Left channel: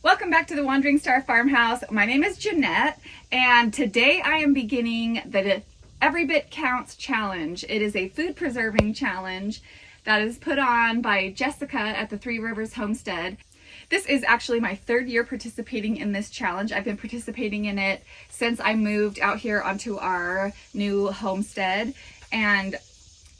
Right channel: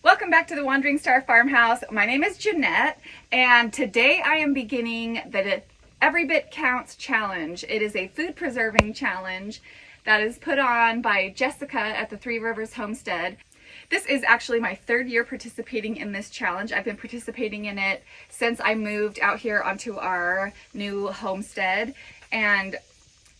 Welcome back to the Wandering Star Farmhouse. My name is Jeanette, and today I am beginning the Every Bit Counts challenge. It is a food preserving challenge that is put on by Jessica at the Three Rivers Homestead. This is actually my third year participating in this challenge. I've been participating in it since I moved out here onto our new homestead. And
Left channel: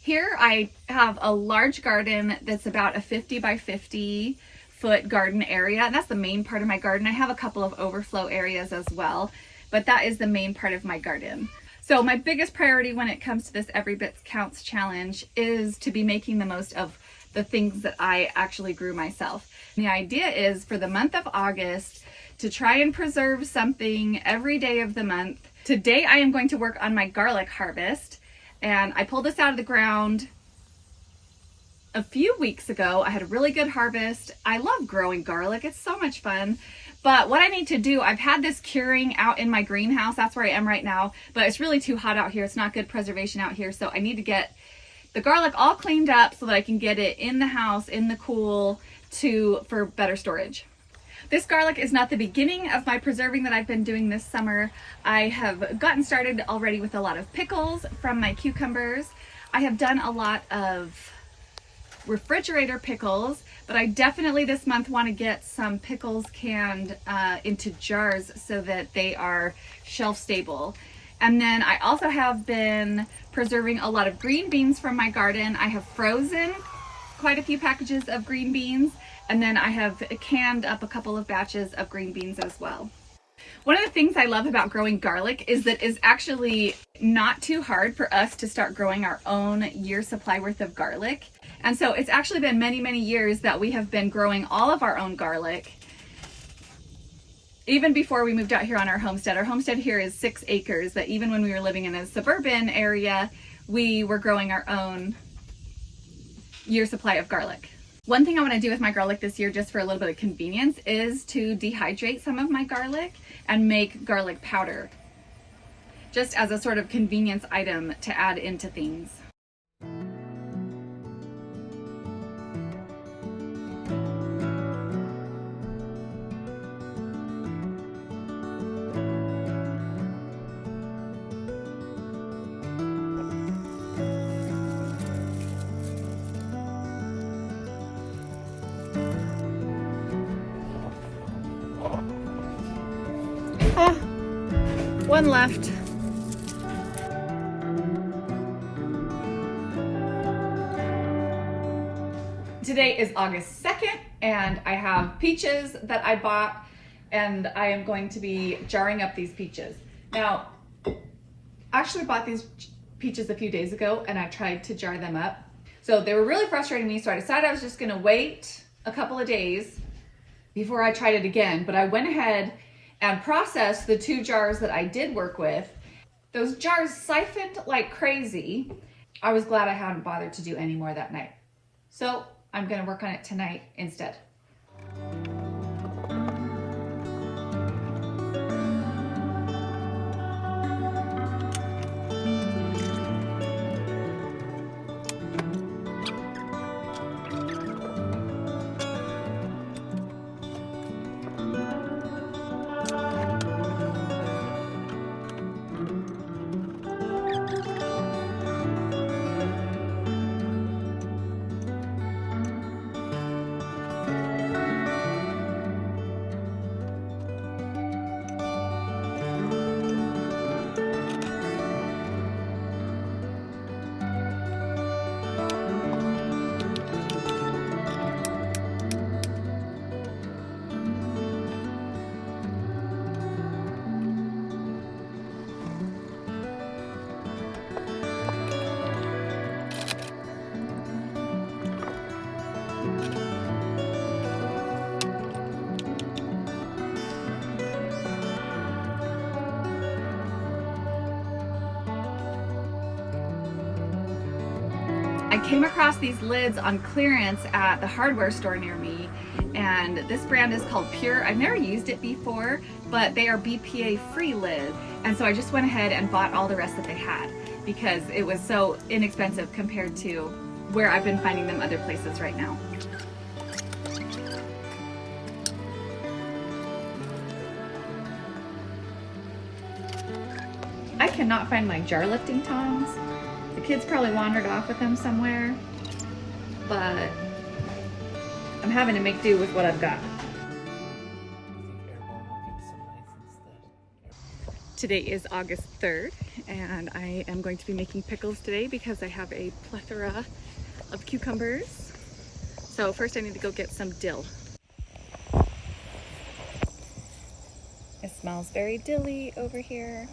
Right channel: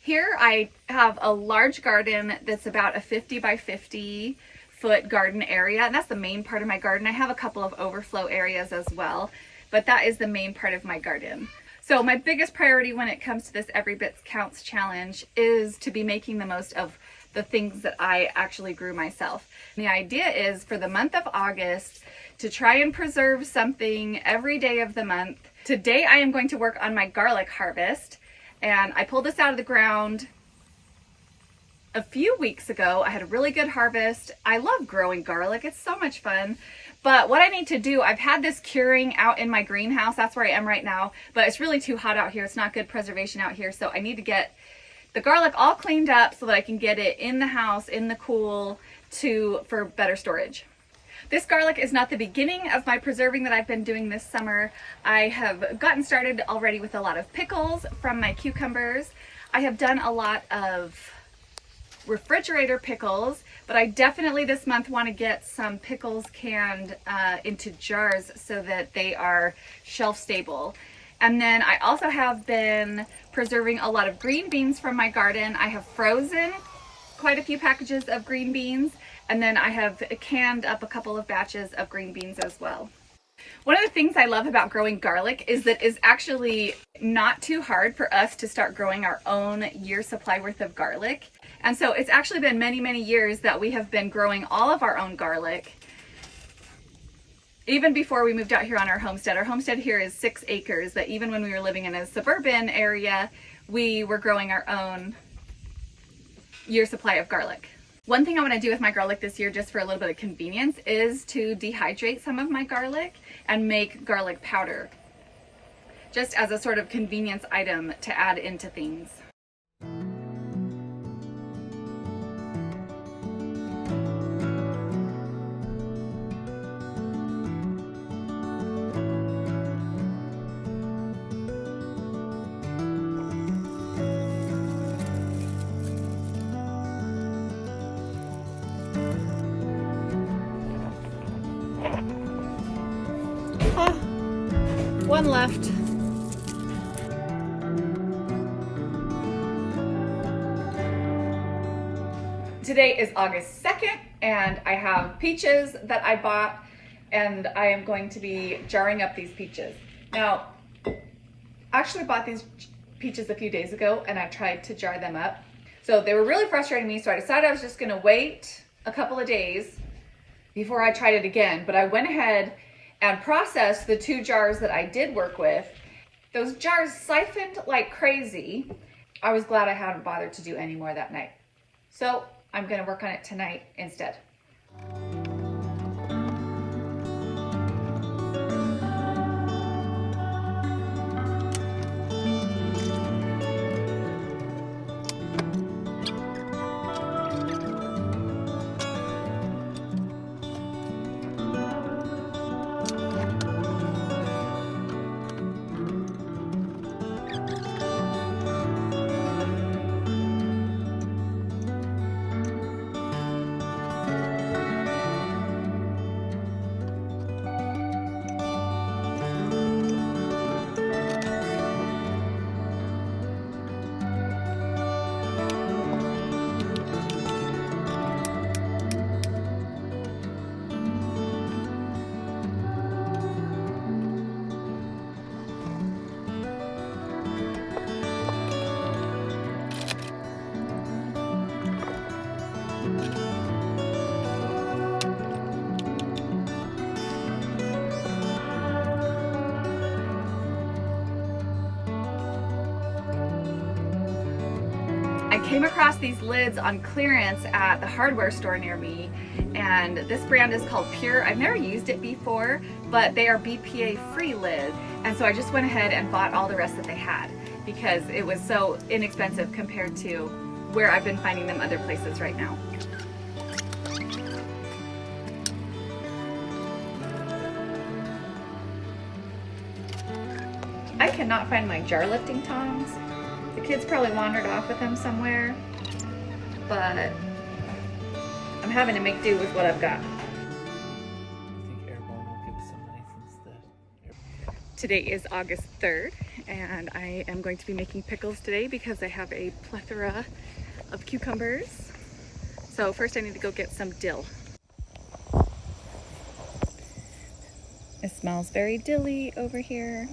here I have a large garden that's about a 50 by 50 foot garden area, and that's the main part of my garden. I have a couple of overflow areas as well, but that is the main part of my garden. So my biggest priority when it comes to this Every Bit Counts challenge is to be making the most of the things that I actually grew myself. And the idea is for the month of August to try and preserve something every day of the month. Today I am going to work on my garlic harvest, and I pulled this out of the ground a few weeks ago. I had a really good harvest. I love growing garlic. It's so much fun. But what I need to do, I've had this curing out in my greenhouse. That's where I am right now, but it's really too hot out here. It's not good preservation out here. So I need to get the garlic all cleaned up so that I can get it in the house, in the cool, for better storage. This garlic is not the beginning of my preserving that I've been doing this summer. I have gotten started already with a lot of pickles from my cucumbers. I have done a lot of refrigerator pickles, but I definitely this month want to get some pickles canned into jars so that they are shelf stable. And then I also have been preserving a lot of green beans from my garden. I have frozen quite a few packages of green beans, and then I have canned up a couple of batches of green beans as well. One of the things I love about growing garlic is that it's actually not too hard for us to start growing our own year supply worth of garlic. And so it's actually been many, many years that we have been growing all of our own garlic. Even before we moved out here on our homestead here is 6 acres, that even when we were living in a suburban area, we were growing our own year supply of garlic. One thing I want to do with my garlic this year, just for a little bit of convenience, is to dehydrate some of my garlic and make garlic powder, just as a sort of convenience item to add into things. One left. Today is August 2nd, and I have peaches that I bought, and I am going to be jarring up these peaches. Now, I actually bought these peaches a few days ago, and I tried to jar them up. So they were really frustrating me, so I decided I was just gonna wait a couple of days before I tried it again, but I went ahead and processed the 2 jars that I did work with. Those jars siphoned like crazy. I was glad I hadn't bothered to do any more that night. So I'm gonna work on it tonight instead. I came across these lids on clearance at the hardware store near me, and this brand is called Pure. I've never used it before, but they are BPA free lid, and so I just went ahead and bought all the rest that they had because it was so inexpensive compared to where I've been finding them other places right now. cannot find my jar lifting tongs. The kids probably wandered off with them somewhere, but I'm having to make do with what I've got. Today is August 3rd, and I am going to be making pickles today because I have a plethora of cucumbers. So first I need to go get some dill. It smells very dilly over here.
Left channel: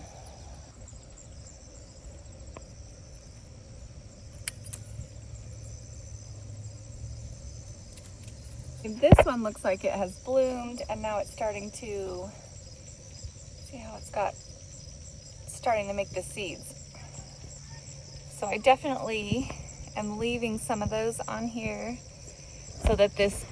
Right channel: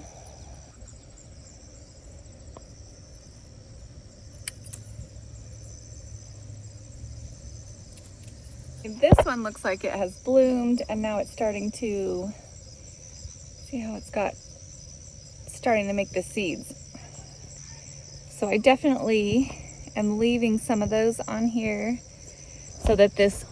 This one looks like it has bloomed, and now it's starting to, see how it's starting to make the seeds. So I definitely am leaving some of those on here so that this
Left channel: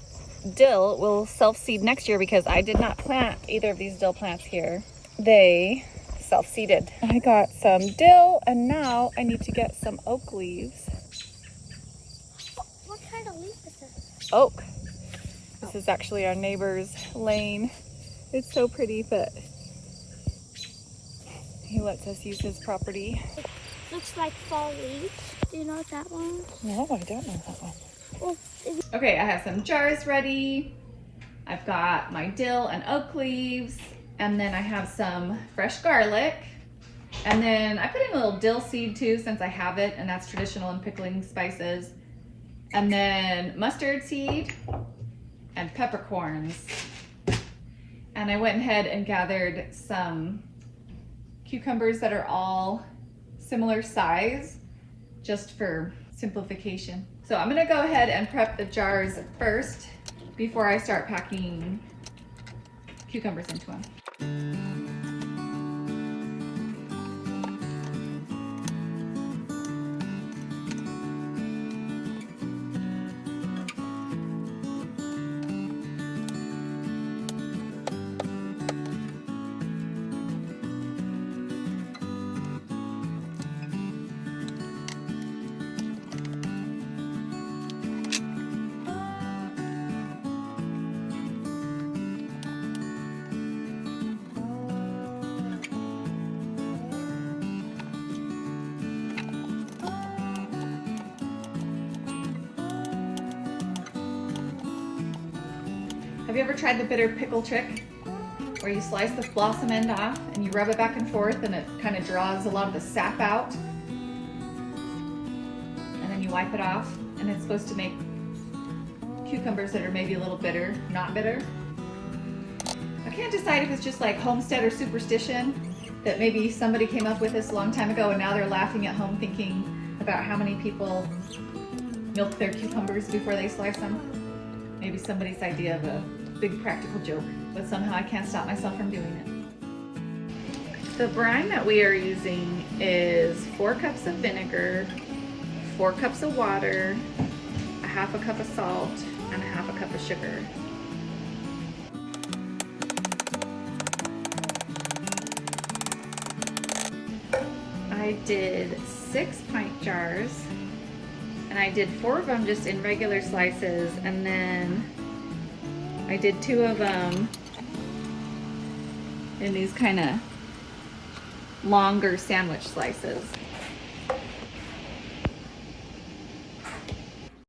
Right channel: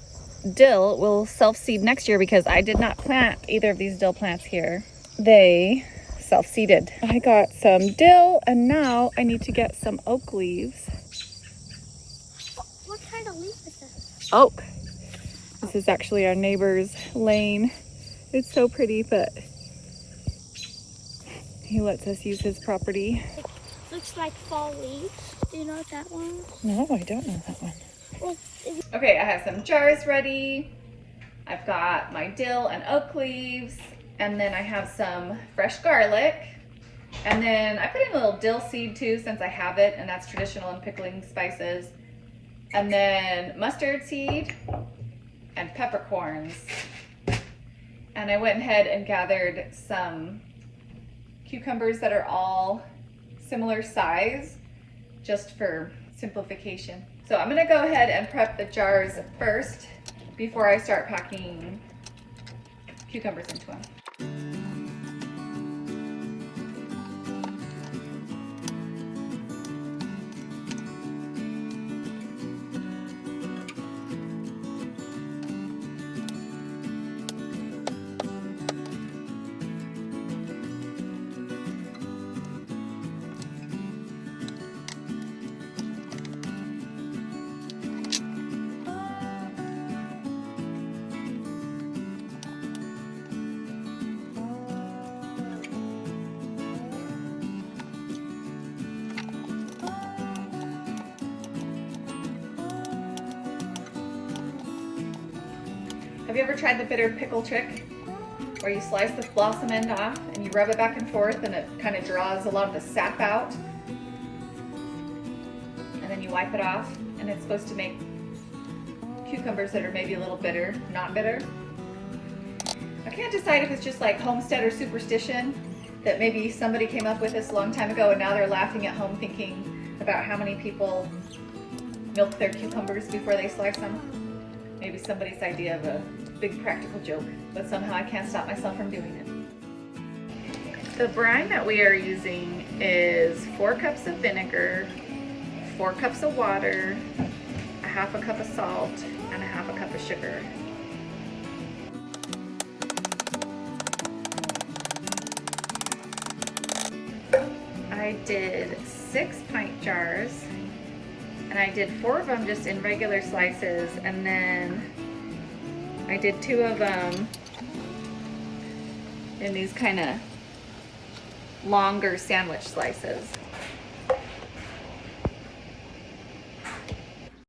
dill will self-seed next year, because I did not plant either of these dill plants here. They self-seeded. I got some dill, and now I need to get some oak leaves. What kind of leaf is this? Oak. This is actually our neighbor's lane. It's so pretty, but he lets us use his property. It looks like fall leaves. Do you know what that one is? No, I don't know that one. Well, Okay, I have some jars ready. I've got my dill and oak leaves, and then I have some fresh garlic. And then I put in a little dill seed too, since I have it, and that's traditional in pickling spices. And then mustard seed and peppercorns. And I went ahead and gathered some cucumbers that are all similar size, just for simplification. So I'm gonna go ahead and prep the jars first before I start packing cucumbers into them. Have you ever tried the bitter pickle trick, where you slice the blossom end off and you rub it back and forth, and it kind of draws a lot of the sap out, and then you wipe it off, and it's supposed to make cucumbers that are maybe a little bitter, not bitter? I can't decide if it's just like homestead or superstition, that maybe somebody came up with this a long time ago and now they're laughing at home thinking about how many people milk their cucumbers before they slice them. Maybe somebody's idea of a big practical joke, but somehow I can't stop myself from doing it. The brine that we are using is 4 cups of vinegar, 4 cups of water, a half a cup of salt, and a half a cup of sugar. I did 6 pint jars, and I did 4 of them just in regular slices, and then I did 2 of them in these kind of longer sandwich slices.